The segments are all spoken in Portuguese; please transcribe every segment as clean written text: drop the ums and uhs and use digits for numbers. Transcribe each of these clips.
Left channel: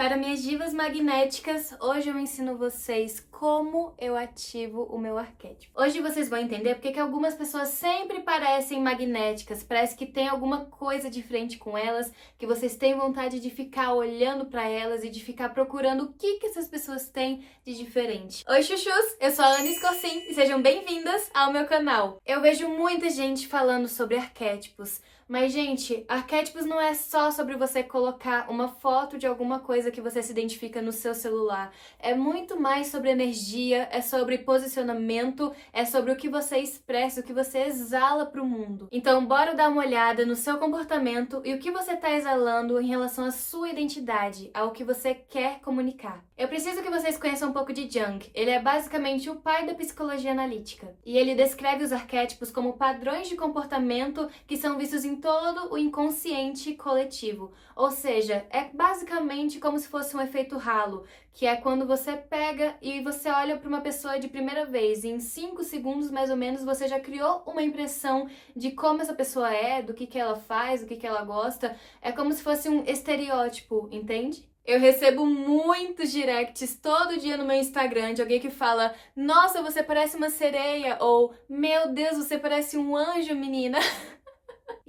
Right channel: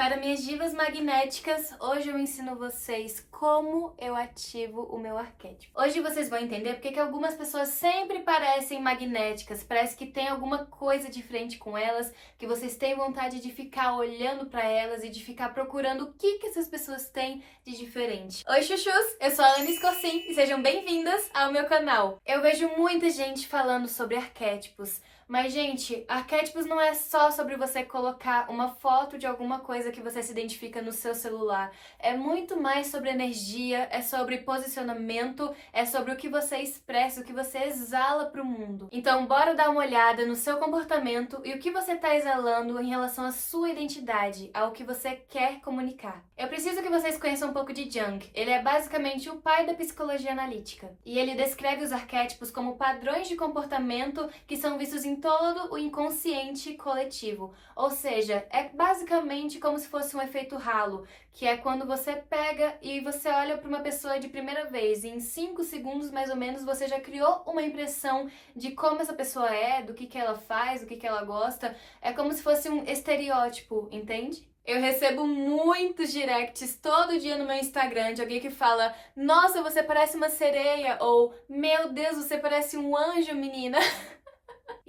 Para minhas divas magnéticas, hoje eu ensino vocês como eu ativo o meu arquétipo. Hoje vocês vão entender porque que algumas pessoas sempre parecem magnéticas, parece que tem alguma coisa diferente com elas, que vocês têm vontade de ficar olhando para elas e de ficar procurando o que essas pessoas têm de diferente. Oi chuchus, eu sou a Ana Escorcim e sejam bem-vindas ao meu canal. Eu vejo muita gente falando sobre arquétipos, mas gente, arquétipos não é só sobre você colocar uma foto de alguma coisa que você se identifica no seu celular. É muito mais sobre energia, é sobre posicionamento, é sobre o que você expressa, o que você exala para o mundo. Então, bora dar uma olhada no seu comportamento e o que você está exalando em relação à sua identidade, ao que você quer comunicar. Eu preciso que vocês conheçam um pouco de Jung. Ele é basicamente o pai da psicologia analítica. E ele descreve os arquétipos como padrões de comportamento que são vistos em todo o inconsciente coletivo. Ou seja, é basicamente como se fosse um efeito halo, que é quando você pega e você olha para uma pessoa de primeira vez e em 5 segundos mais ou menos você já criou uma impressão de como essa pessoa é, do que ela faz, do que ela gosta. É como se fosse um estereótipo, entende? Eu recebo muitos directs todo dia no meu Instagram de alguém que fala: "Nossa, você parece uma sereia", ou "Meu Deus, você parece um anjo, menina".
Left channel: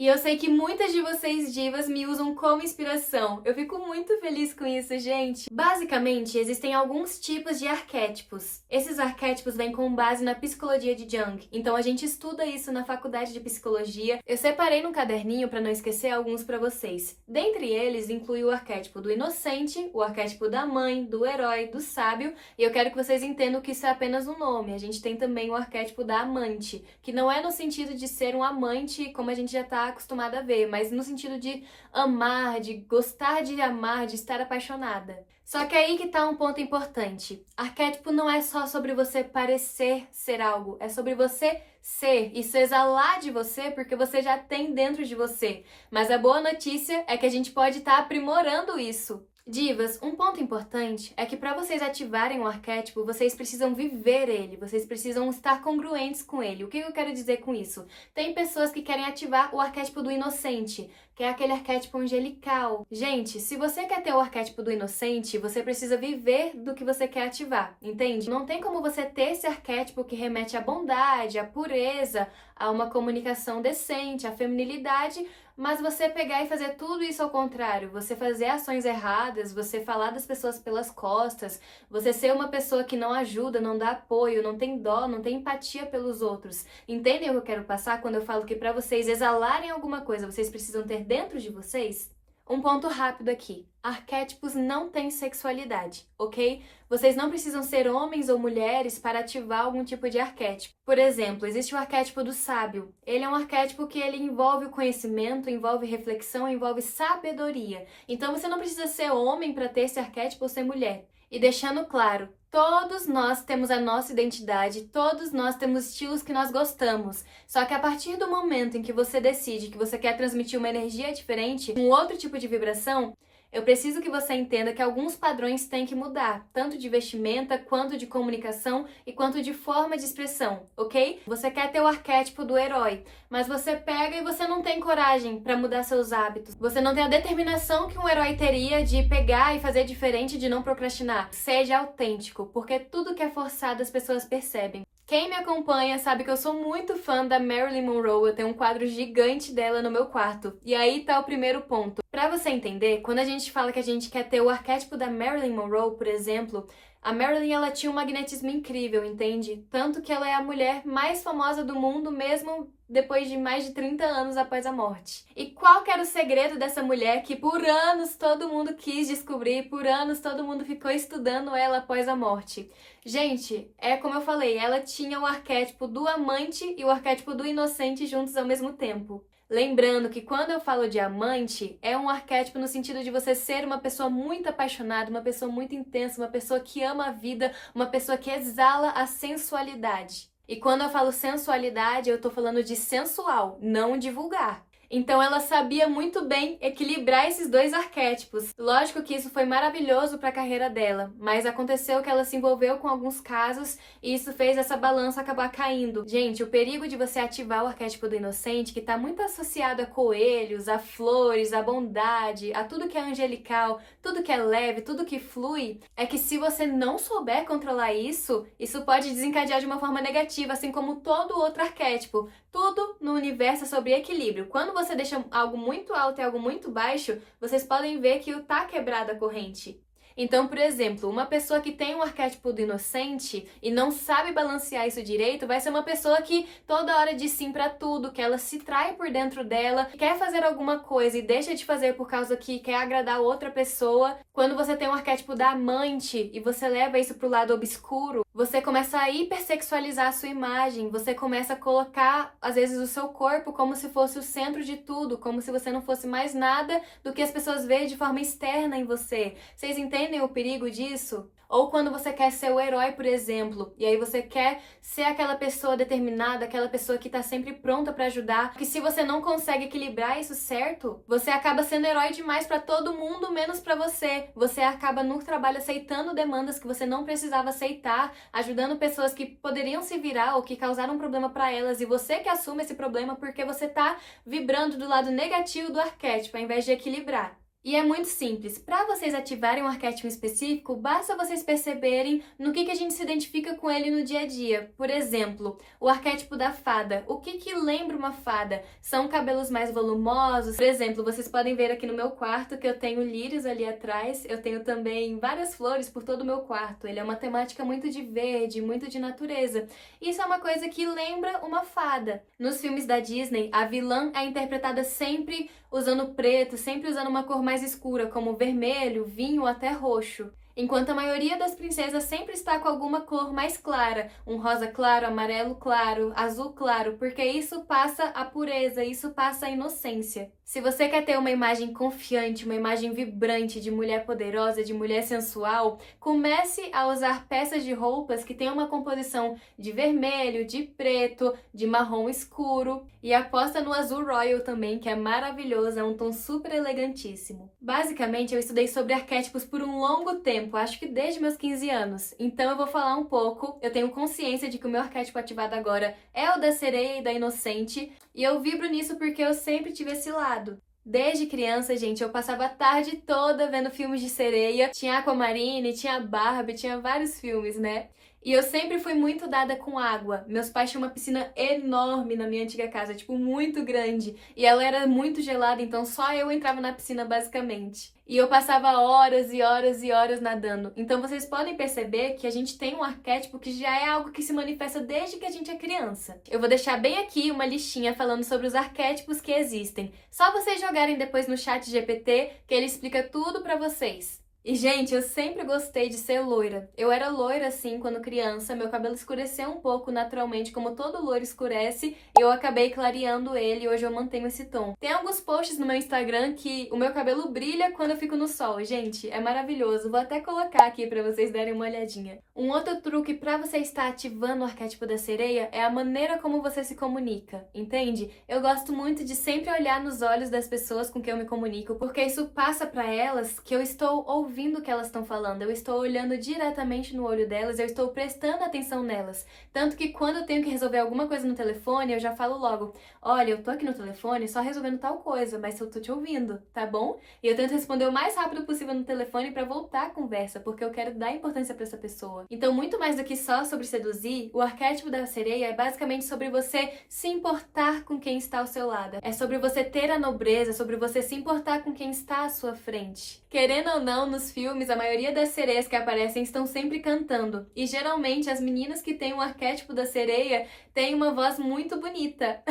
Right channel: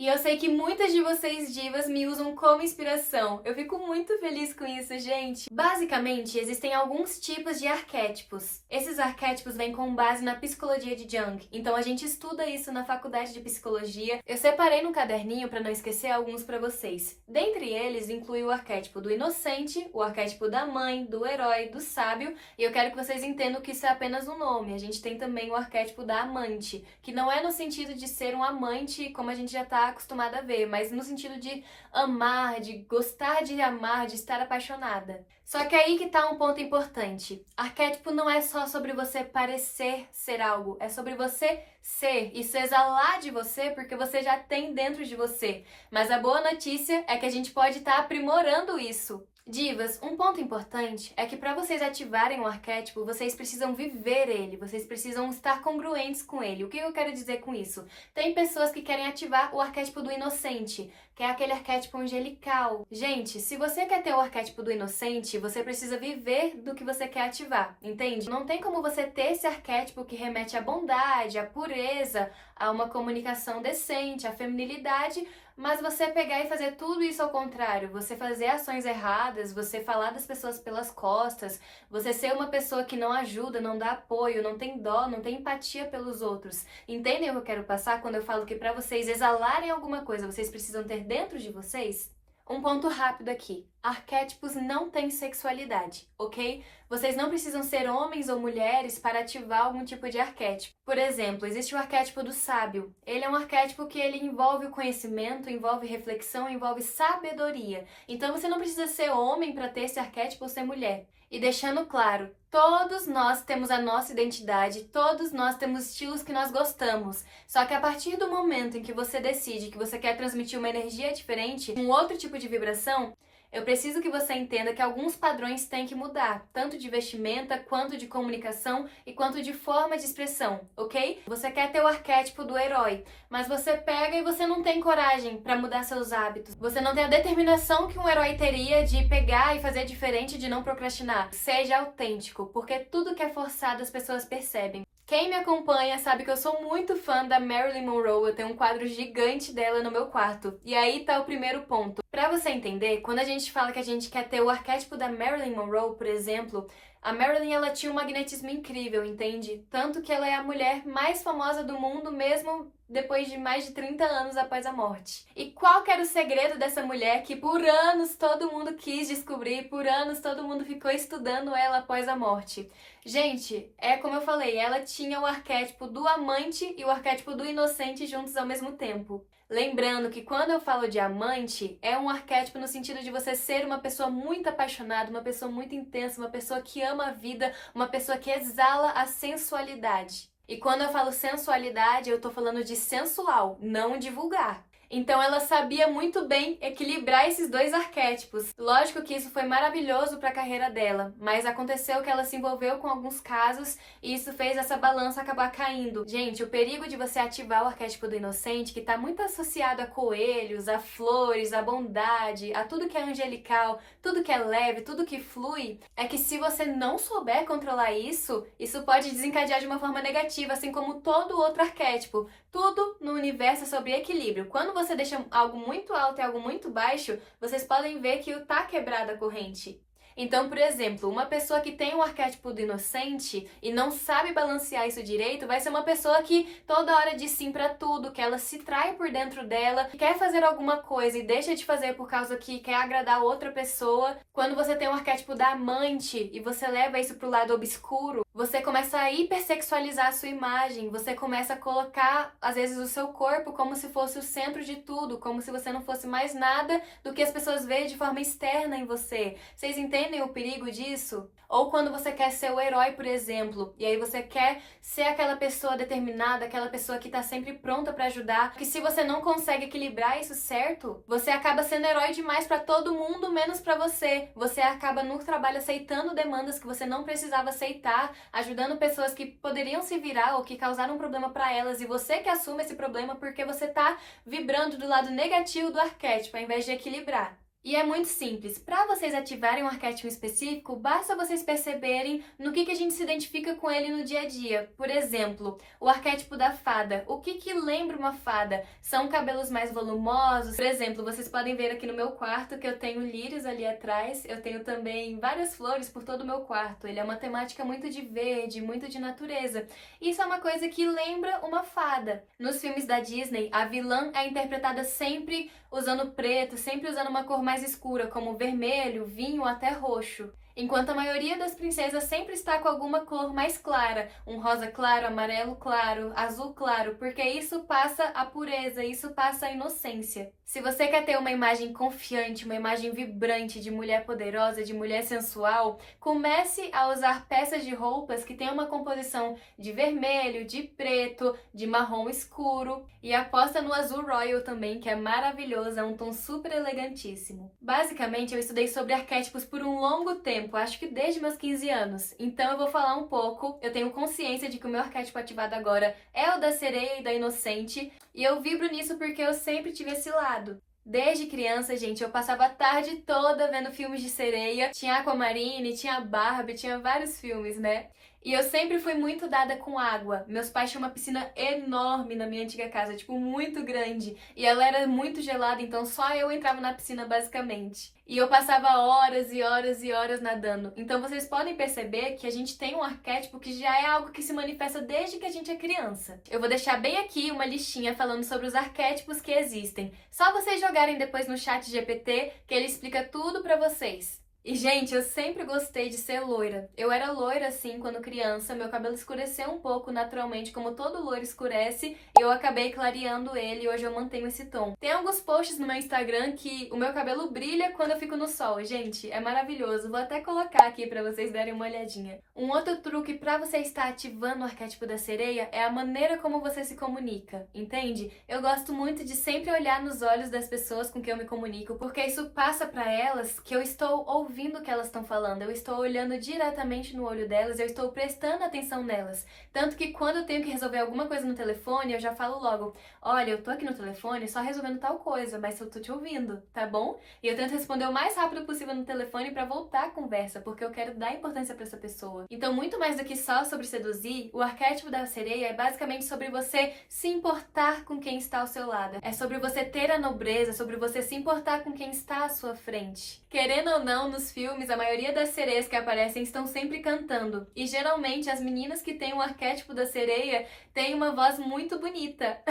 E eu sei que muitas de vocês divas me usam como inspiração. Eu fico muito feliz com isso, gente. Basicamente, existem alguns tipos de arquétipos. Esses arquétipos vêm com base na psicologia de Jung. Então a gente estuda isso na faculdade de psicologia. Eu separei num caderninho para não esquecer alguns para vocês. Dentre eles, inclui o arquétipo do inocente, o arquétipo da mãe, do herói, do sábio. E eu quero que vocês entendam que isso é apenas um nome. A gente tem também o arquétipo da amante, que não é no sentido de ser um amante, como a gente já tá acostumada a ver, mas no sentido de amar, de gostar de amar, de estar apaixonada. Só que aí que tá um ponto importante. Arquétipo não é só sobre você parecer ser algo, é sobre você ser, isso exalar de você porque você já tem dentro de você. Mas a boa notícia é que a gente pode estar aprimorando isso. Divas, um ponto importante é que para vocês ativarem um arquétipo, vocês precisam viver ele, vocês precisam estar congruentes com ele. O que eu quero dizer com isso? Tem pessoas que querem ativar o arquétipo do inocente, que é aquele arquétipo angelical. Gente, se você quer ter o arquétipo do inocente, você precisa viver do que você quer ativar, entende? Não tem como você ter esse arquétipo que remete à bondade, à pureza, a uma comunicação decente, à feminilidade, mas você pegar e fazer tudo isso ao contrário, você fazer ações erradas, você falar das pessoas pelas costas, você ser uma pessoa que não ajuda, não dá apoio, não tem dó, não tem empatia pelos outros. Entendem o que eu quero passar quando eu falo que para vocês exalarem alguma coisa, vocês precisam ter dentro de vocês? Um ponto rápido aqui. Arquétipos não têm sexualidade, ok? Vocês não precisam ser homens ou mulheres para ativar algum tipo de arquétipo. Por exemplo, existe o arquétipo do sábio. Ele é um arquétipo que ele envolve o conhecimento, envolve reflexão, envolve sabedoria. Então você não precisa ser homem para ter esse arquétipo ou ser mulher. E deixando claro, todos nós temos a nossa identidade, todos nós temos estilos que nós gostamos. Só que a partir do momento em que você decide que você quer transmitir uma energia diferente, um outro tipo de vibração, eu preciso que você entenda que alguns padrões têm que mudar, tanto de vestimenta, quanto de comunicação e quanto de forma de expressão, ok? Você quer ter o arquétipo do herói, mas você pega e você não tem coragem para mudar seus hábitos. Você não tem a determinação que um herói teria de pegar e fazer diferente, de não procrastinar. Seja autêntico, porque tudo que é forçado as pessoas percebem. Quem me acompanha sabe que eu sou muito fã da Marilyn Monroe, eu tenho um quadro gigante dela no meu quarto. E aí tá o primeiro ponto. Pra você entender, quando a gente fala que a gente quer ter o arquétipo da Marilyn Monroe, por exemplo, a Marilyn, ela tinha um magnetismo incrível, entende? Tanto que ela é a mulher mais famosa do mundo, mesmo depois de mais de 30 anos após a morte. E qual que era o segredo dessa mulher que por anos todo mundo quis descobrir, por anos todo mundo ficou estudando ela após a morte? Gente, é como eu falei, ela tinha o arquétipo do amante e o arquétipo do inocente juntos ao mesmo tempo. Lembrando que quando eu falo de amante, é um arquétipo no sentido de você ser uma pessoa muito apaixonada, uma pessoa muito intensa, uma pessoa que ama a vida, uma pessoa que exala a sensualidade. E quando eu falo sensualidade, eu tô falando de sensual, não de vulgar. Então ela sabia muito bem equilibrar esses dois arquétipos. Lógico que isso foi maravilhoso para a carreira dela, mas aconteceu que ela se envolveu com alguns casos e isso fez essa balança acabar caindo. Gente, o perigo de você ativar o arquétipo do inocente, que está muito associado a coelhos, a flores, a bondade, a tudo que é angelical, tudo que é leve, tudo que flui, é que se você não souber controlar isso, isso pode desencadear de uma forma negativa, assim como todo outro arquétipo. Tudo no universo é sobre equilíbrio. Quando você deixa algo muito alto e algo muito baixo, vocês podem ver que tá quebrada a corrente. Então, por exemplo, uma pessoa que tem um arquétipo do inocente e não sabe balancear isso direito, vai ser uma pessoa que toda hora diz sim pra tudo, que ela se trai por dentro dela, quer fazer alguma coisa e deixa de fazer por causa que quer agradar outra pessoa. Quando você tem um arquétipo da amante e você leva isso pro lado obscuro, você começa a hipersexualizar a sua imagem, você começa a colocar, às vezes, o seu corpo como se fosse o centro de tudo, como se você não fosse mais nada do que as pessoas veem de forma externa em você. Vocês entendem o perigo disso? Ou quando você quer ser o herói, por exemplo, e aí você quer ser aquela pessoa determinada, aquela pessoa que tá sempre pronta pra ajudar, que se você não consegue equilibrar isso certo, você acaba sendo herói demais pra todo mundo, menos pra você. Você acaba no trabalho aceitando demandas que você não precisava aceitar, ajudando pessoas que poderiam se virar ou que causaram um problema pra elas, e você que assume esse problema porque você tá vibrando do lado negativo do arquétipo, ao invés de equilibrar. E é muito simples. Para vocês ativarem um arquétipo específico, basta vocês perceberem no que a gente se identifica com ele no dia a dia. Por exemplo, o arquétipo da fada. O que lembra uma fada? São cabelos mais volumosos? Por exemplo, vocês podem ver aqui no meu quarto que eu tenho lírios ali atrás. Eu tenho também várias flores por todo o meu quarto. Ele é uma temática muito de verde, muito de natureza. Isso é uma coisa que lembra uma fada. Nos filmes da Disney, a vilã é interpretada sempre usando preto, sempre usando uma cor mais escura, como vermelho, vinho ou até roxo. Enquanto a maioria das princesas sempre está com alguma cor mais clara, um rosa claro, amarelo claro, azul claro, porque isso passa a pureza, isso passa a inocência. Se você quer ter uma imagem confiante, uma imagem vibrante de mulher poderosa, de mulher sensual, comece a usar peças de roupas que tenham uma composição de vermelho, de preto, de marrom escuro e aposta no azul royal também, que é maravilhoso, é um tom super elegantíssimo. Basicamente, eu estudei sobre arquétipos por um longo tempo, acho que desde meus 15 anos. Então eu vou falar um pouco, eu tenho consciência de que o meu arquétipo ativado agora é o da sereia e da inocente, e eu vibro nisso porque eu sempre tive esse lado. Desde criança, gente, eu passava a tarde toda vendo filmes de sereia. Tinha Aquamarine, tinha Barbie, tinha vários filmes, né? E eu sempre fui muito dada com água. Meus pais tinham uma piscina enorme na minha antiga casa, tipo, muito grande. E ela era muito gelada, então só eu entrava na piscina, basicamente. E eu passava horas e horas e horas nadando. Então vocês podem perceber que a gente tem um arquétipo que já é algo que se manifesta desde que a gente é criança. Eu vou deixar bem aqui uma listinha falando sobre os arquétipos que existem. Só vocês jogarem depois no chat GPT que ele explica tudo pra vocês. E, gente, eu sempre gostei de ser loira. Eu era loira, assim, quando criança. Meu cabelo escureceu um pouco naturalmente, como todo loiro escurece. E eu acabei clareando ele e hoje eu mantenho esse tom. Tem alguns posts no meu Instagram que o meu cabelo brilha quando eu fico no sol. Gente, é maravilhoso. Vou até colocar aqui pra vocês darem uma olhadinha. Um outro truque pra você estar ativando o arquétipo da sereia é a maneira como você se comunica, entende? Eu gosto muito de sempre olhar nos olhos das pessoas com quem eu me comunico, porque isso passa pra elas que eu estou ouvindo o que elas estão falando, eu estou olhando diretamente no olho delas, eu estou prestando atenção nelas. Tanto que quando eu tenho que resolver alguma coisa no telefone, eu já falo logo, olha, eu tô aqui no telefone só resolvendo tal coisa, mas eu tô te ouvindo, tá bom? E eu tento responder o mais rápido possível no telefone pra voltar a conversa, porque eu quero dar importância pra essa pessoa. Então, muito mais do que só sobre seduzir, o arquétipo da sereia é basicamente sobre você se importar com quem está ao seu lado. É sobre você ter a nobreza, sobre você se importar com quem está à sua frente. Querendo ou não, nos filmes, a maioria das sereias que aparecem estão sempre cantando. E geralmente as meninas que têm o arquétipo da sereia têm uma voz muito bonita.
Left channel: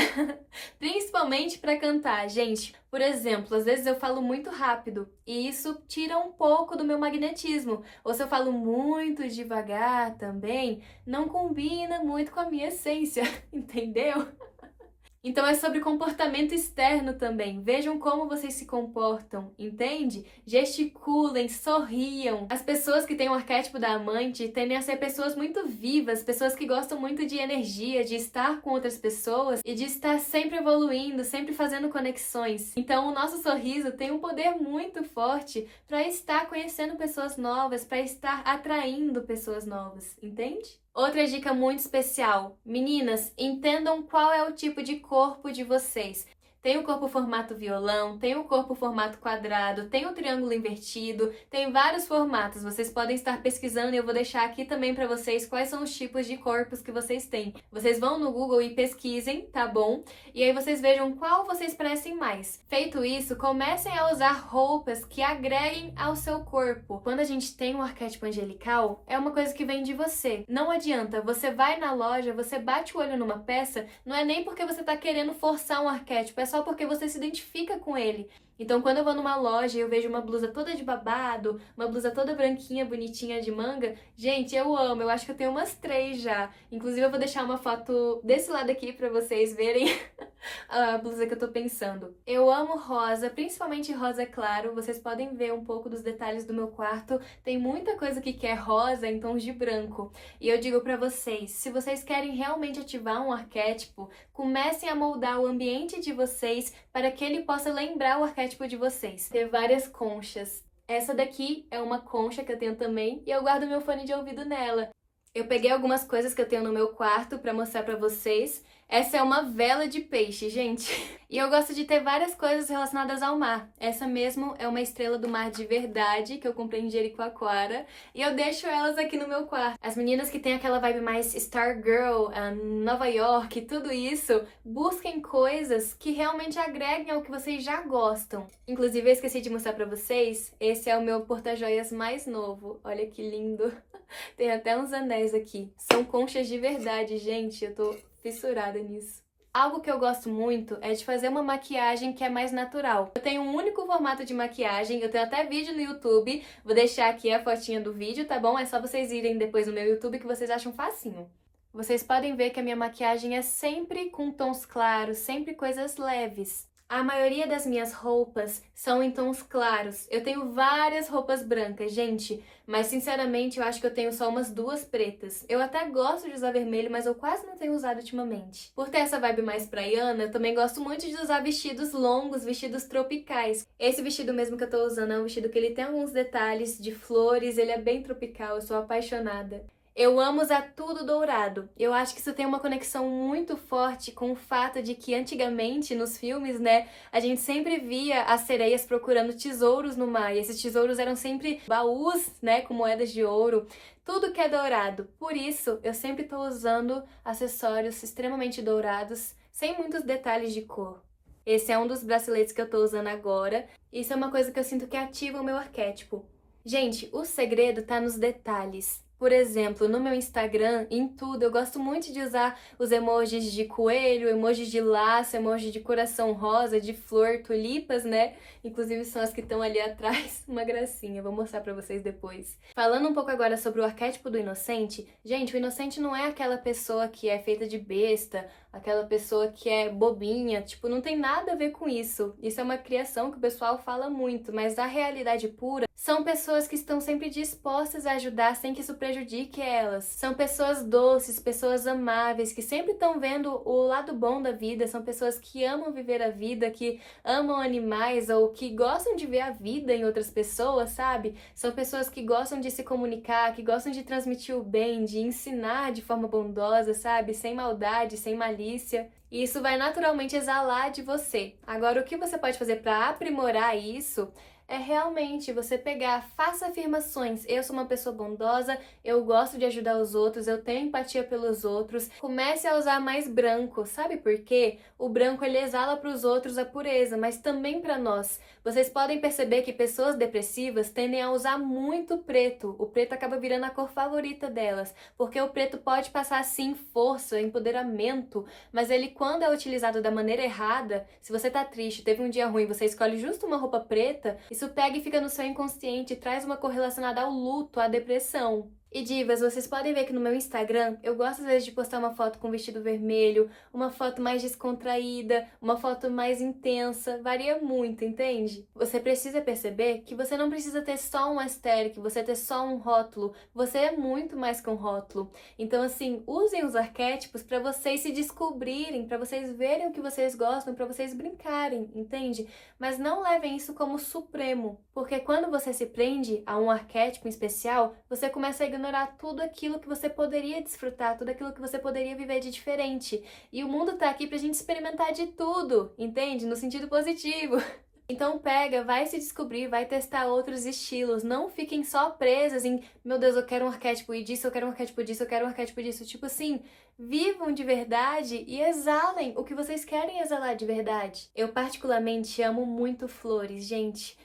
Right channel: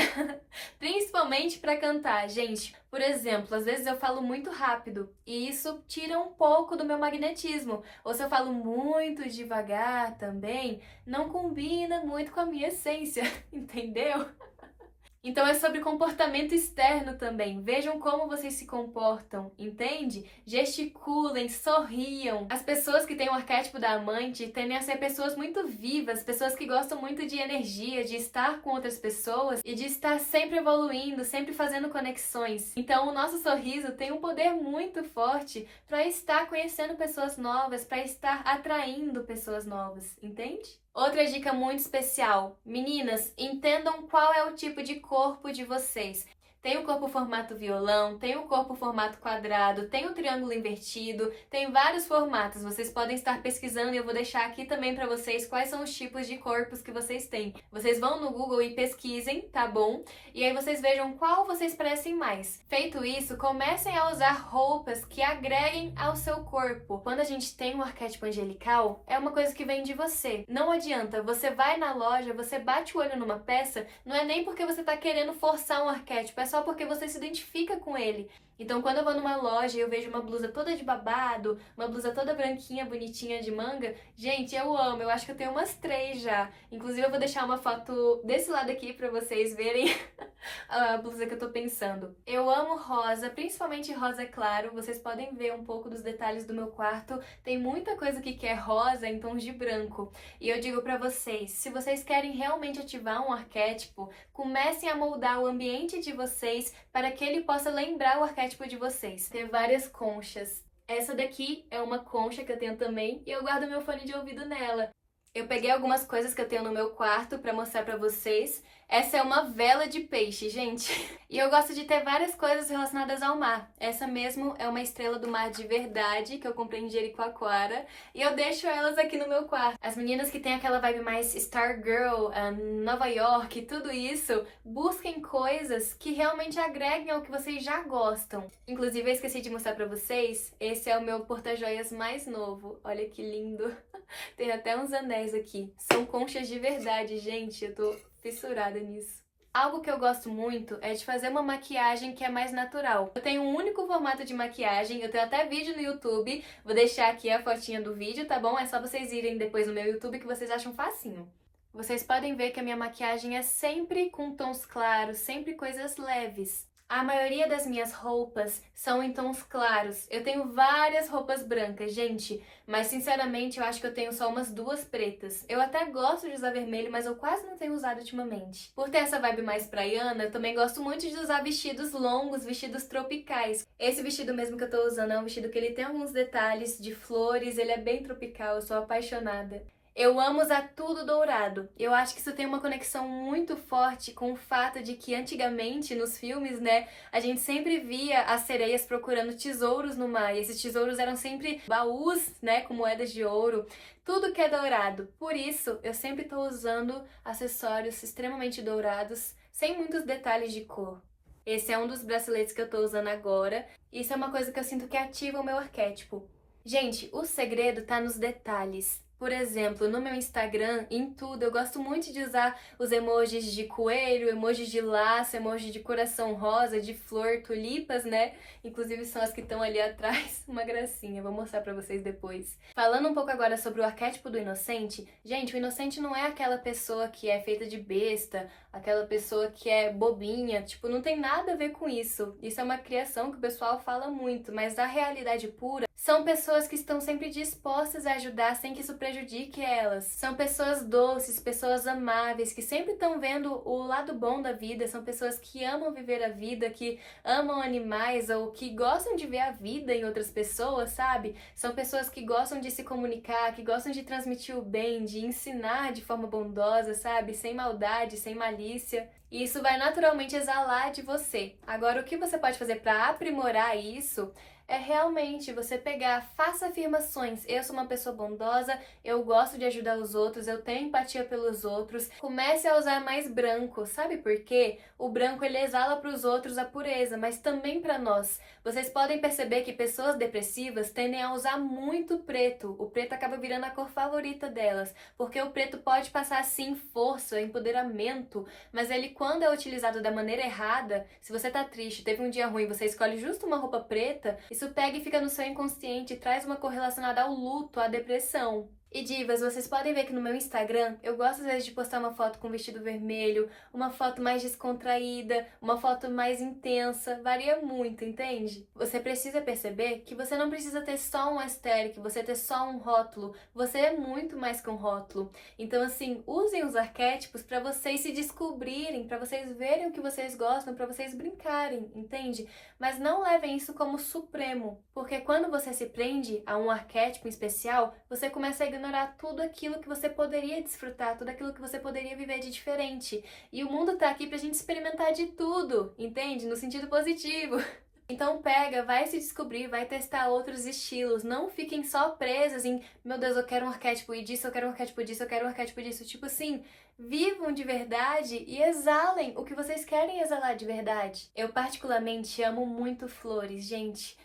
Principalmente pra cantar, gente. Por exemplo, às vezes eu falo muito rápido e isso tira um pouco do meu magnetismo. Ou se eu falo muito devagar também, não combina muito com a minha essência, entendeu? Então é sobre comportamento externo também. Vejam como vocês se comportam, entende? Gesticulem, sorriam. As pessoas que têm o arquétipo da amante tendem a ser pessoas muito vivas, pessoas que gostam muito de energia, de estar com outras pessoas e de estar sempre evoluindo, sempre fazendo conexões. Então o nosso sorriso tem um poder muito forte para estar conhecendo pessoas novas, para estar atraindo pessoas novas, entende? Outra dica muito especial. Meninas, entendam qual é o tipo de corpo de vocês. Tem o corpo formato violão, tem o corpo formato quadrado, tem o triângulo invertido, tem vários formatos. Vocês podem estar pesquisando e eu vou deixar aqui também para vocês quais são os tipos de corpos que vocês têm. Vocês vão no Google e pesquisem, tá bom? E aí vocês vejam qual vocês parecem mais. Feito isso, comecem a usar roupas que agreguem ao seu corpo. Quando a gente tem um arquétipo angelical, é uma coisa que vem de você. Não adianta, você vai na loja, você bate o olho numa peça, não é nem porque você tá querendo forçar um arquétipo, é só porque você se identifica com ele. Então, quando eu vou numa loja e eu vejo uma blusa toda de babado, uma blusa toda branquinha, bonitinha de manga, gente, eu amo. Eu acho que eu tenho umas 3 já. Inclusive, eu vou deixar uma foto desse lado aqui pra vocês verem a blusa que eu tô pensando. Eu amo rosa, principalmente rosa claro. Vocês podem ver um pouco dos detalhes do meu quarto. Tem muita coisa aqui que é rosa em tons de branco. E eu digo pra vocês, se vocês querem realmente ativar um arquétipo, comecem a moldar o ambiente de vocês para que ele possa lembrar o arquétipo de vocês. Ter várias conchas. Essa daqui é uma concha que eu tenho também e eu guardo meu fone de ouvido nela. Eu peguei algumas coisas que eu tenho no meu quarto pra mostrar pra vocês. Essa é uma vela de peixe, gente. E eu gosto de ter várias coisas relacionadas ao mar. Essa mesmo é uma estrela do mar de verdade, que eu comprei em Jericoacoara. E eu deixo elas aqui no meu quarto. As meninas que têm aquela vibe mais Stargirl, Nova York, tudo isso, busquem coisas que realmente agreguem ao que vocês já gostam. Inclusive, eu esqueci de mostrar pra vocês, esse é o meu porta-joias mais novo. Olha que lindo. Tem até uns anéis aqui. São conchas de verdade, gente. Eu tô fissurada nisso. Algo que eu gosto muito é de fazer uma maquiagem que é mais natural. Eu tenho um único formato de maquiagem, eu tenho até vídeo no YouTube. Vou deixar aqui a fotinha do vídeo, tá bom? É só vocês irem depois no meu YouTube que vocês acham facinho. Vocês podem ver que a minha maquiagem é sempre com tons claros, sempre coisas leves. A maioria das minhas roupas são em tons claros. Eu tenho várias roupas brancas, gente, mas sinceramente eu acho que eu tenho só umas 2 pretas. Eu até gosto de usar vermelho, mas eu quase não tenho usado ultimamente. Por ter essa vibe mais praiana, eu também gosto muito de usar vestidos longos, vestidos tropicais. Esse vestido mesmo que eu tô usando é um vestido que ele tem alguns detalhes de flores, ele é bem tropical, eu sou apaixonada. Eu amo usar tudo dourado. Eu acho que isso tem uma conexão muito forte com o fato de que antigamente, nos filmes, né, a gente sempre via as sereias procurando tesouros no mar. E esses tesouros eram sempre baús, né, com moedas de ouro. Tudo que é dourado. Por isso, eu sempre tô usando acessórios extremamente dourados, sem muitos detalhes de cor. Esse é um dos braceletes que eu tô usando agora. Isso é uma coisa que eu sinto que ativa o meu arquétipo. Gente, o segredo tá nos detalhes. Por exemplo, no meu Instagram, em tudo, eu gosto muito de usar os emojis de coelho, emojis de laço, emoji de coração rosa, de flor, tulipas, né? Inclusive são as que estão ali atrás, uma gracinha, vou mostrar pra vocês depois. Falando um pouco agora sobre o arquétipo do inocente, gente, o inocente não é aquela pessoa que é feita de besta, aquela pessoa que é bobinha, tipo, não tem nada a ver com isso. Isso é uma criação que o pessoal fala muito, mas a realidade pura são pessoas que estão sempre dispostas a ajudar sem que isso prejudique elas. São pessoas doces, pessoas amáveis, que sempre estão vendo o lado bom da vida. São pessoas que amam viver a vida, que amam animais ou que gostam de ver a vida em outras pessoas, sabe? São pessoas que gostam de se comunicar, que gostam de transmitir o bem, de ensinar de forma bondosa, sabe? Sem maldade, sem malícia. E isso vai naturalmente exalar de você. Agora, o que você pode fazer para aprimorar isso é realmente você pegar, faça afirmações. Eu sou uma pessoa bondosa, eu gosto de ajudar os outros, eu tenho empatia pelos outros. Comece a usar mais branco, sabe por quê? O branco ele exala para os outros a pureza, mas também para nós. Vocês podem perceber que pessoas depressivas tendem a usar muito preto. O preto acaba virando a cor favorita delas, porque o preto pode passar sim força, empoderamento, mas ele quando é utilizado da maneira errada, se você tá triste, teve um dia ruim, você escolhe justo uma roupa preta, isso pega e fica no seu inconsciente e traz uma cor relacionada ao luto, à depressão. E divas, vocês podem ver que no meu Instagram eu gosto às vezes de postar uma foto com vestido vermelho, uma foto mais descontraída, uma foto mais intensa, varia muito, entende? Você precisa perceber que você não precisa ter só um aesthetic, você ter só um rótulo, você é muito mais que um rótulo. Então assim, usem os arquétipos para vocês se descobrirem, para vocês verem o que vocês gostam, para vocês brincarem, entende? Mas não levem isso como supremo, porque quando você se prende a um arquétipo em especial, você começa a ignorar tudo aquilo que você poderia desfrutar, tudo aquilo que você poderia viver de diferente. E o mundo tá aqui pra gente experimentar de tudo, entende? No sentido positivo. Então pega, vai se descobrir, vai testar outros estilos. Não fiquem só presas em, meu Deus, eu quero um arquétipo disso, eu quero um arquétipo disso, eu quero um arquétipo disso. Tipo assim, vivam de verdade e exalem o que vocês querem exalar de verdade. Eu particularmente amo muito flores, gente.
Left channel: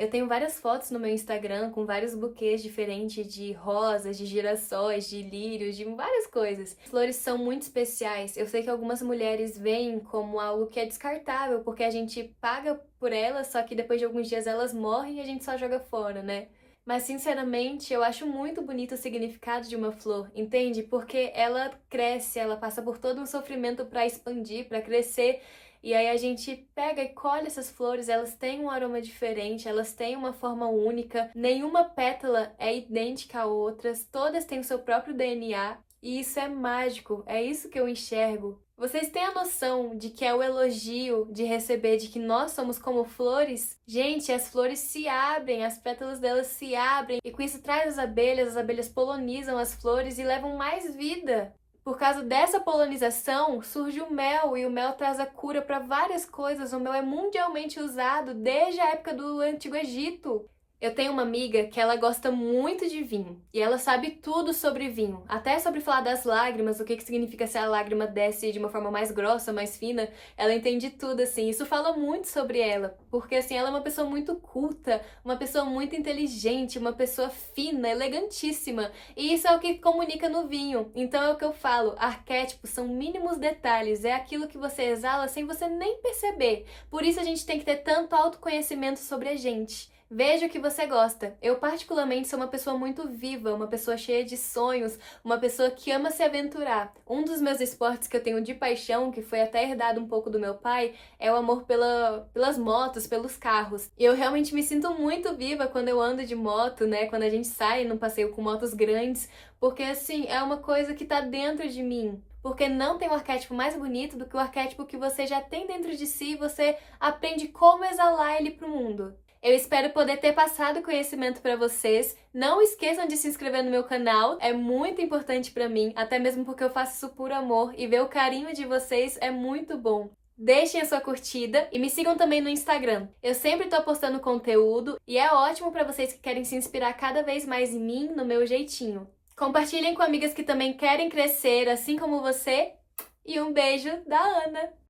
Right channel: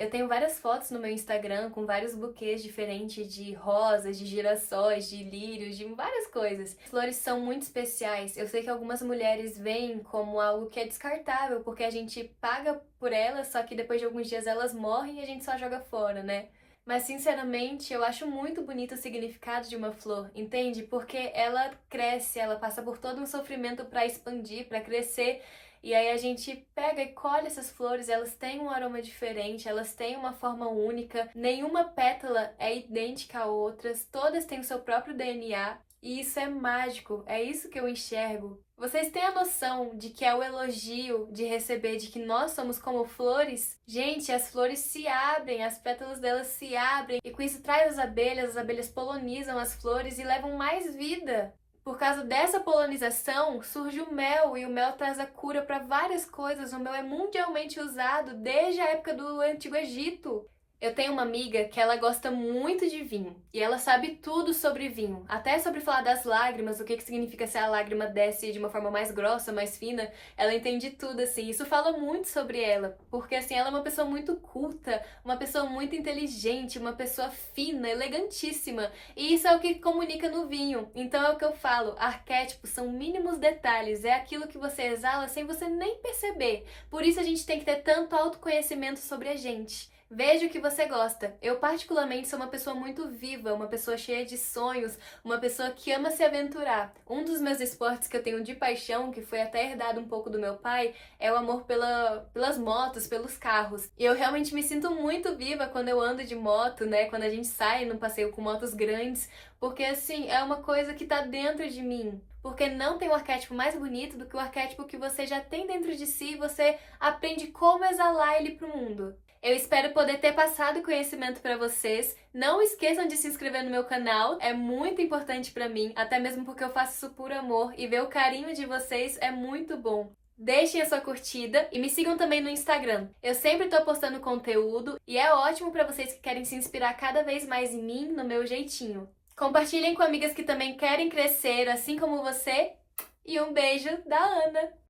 Eu tenho várias fotos no meu Instagram com vários buquês diferentes de rosas, de girassóis, de lírios, de várias coisas. Flores são muito especiais. Eu sei que algumas mulheres veem como algo que é descartável, porque a gente paga por elas, só que depois de alguns dias elas morrem e a gente só joga fora, né? Mas, sinceramente, eu acho muito bonito o significado de uma flor, entende? Porque ela cresce, ela passa por todo um sofrimento para expandir, para crescer. E aí a gente pega e colhe essas flores, elas têm um aroma diferente, elas têm uma forma única, nenhuma pétala é idêntica a outras, todas têm o seu próprio DNA. E isso é mágico, é isso que eu enxergo. Vocês têm a noção de que é o elogio de receber de que nós somos como flores? Gente, as flores se abrem, as pétalas delas se abrem, e com isso traz as abelhas polonizam as flores e levam mais vida. Por causa dessa polinização, surge o mel, e o mel traz a cura para várias coisas. O mel é mundialmente usado desde a época do Antigo Egito. Eu tenho uma amiga que ela gosta muito de vinho, e ela sabe tudo sobre vinho, até sobre falar das lágrimas, o que significa se a lágrima desce de uma forma mais grossa, mais fina, ela entende tudo, assim. Isso fala muito sobre ela, porque assim, ela é uma pessoa muito culta, uma pessoa muito inteligente, uma pessoa fina, elegantíssima, e isso é o que comunica no vinho. Então é o que eu falo, arquétipos são mínimos detalhes, é aquilo que você exala sem você nem perceber. Por isso a gente tem que ter tanto autoconhecimento sobre a gente. Veja o que você gosta. Eu particularmente sou uma pessoa muito viva, uma pessoa cheia de sonhos, uma pessoa que ama se aventurar. Um dos meus esportes que eu tenho de paixão, que foi até herdado um pouco do meu pai, é o amor pelas motos, pelos carros. E eu realmente me sinto muito viva quando eu ando de moto, né? Quando a gente sai num passeio com motos grandes, porque assim, é uma coisa que tá dentro de mim. Porque não tem um arquétipo mais bonito do que o arquétipo que você já tem dentro de si e você aprende como exalar ele pro mundo. Eu espero poder ter passado conhecimento para vocês. Não esqueçam de se inscrever no meu canal, é muito importante para mim, até mesmo porque eu faço isso por amor e ver o carinho de vocês é muito bom. Deixem a sua curtida e me sigam também no Instagram. Eu sempre tô postando conteúdo e é ótimo para vocês que querem se inspirar cada vez mais em mim, no meu jeitinho. Compartilhem com amigas que também querem crescer, assim como você. E um beijo da Ana!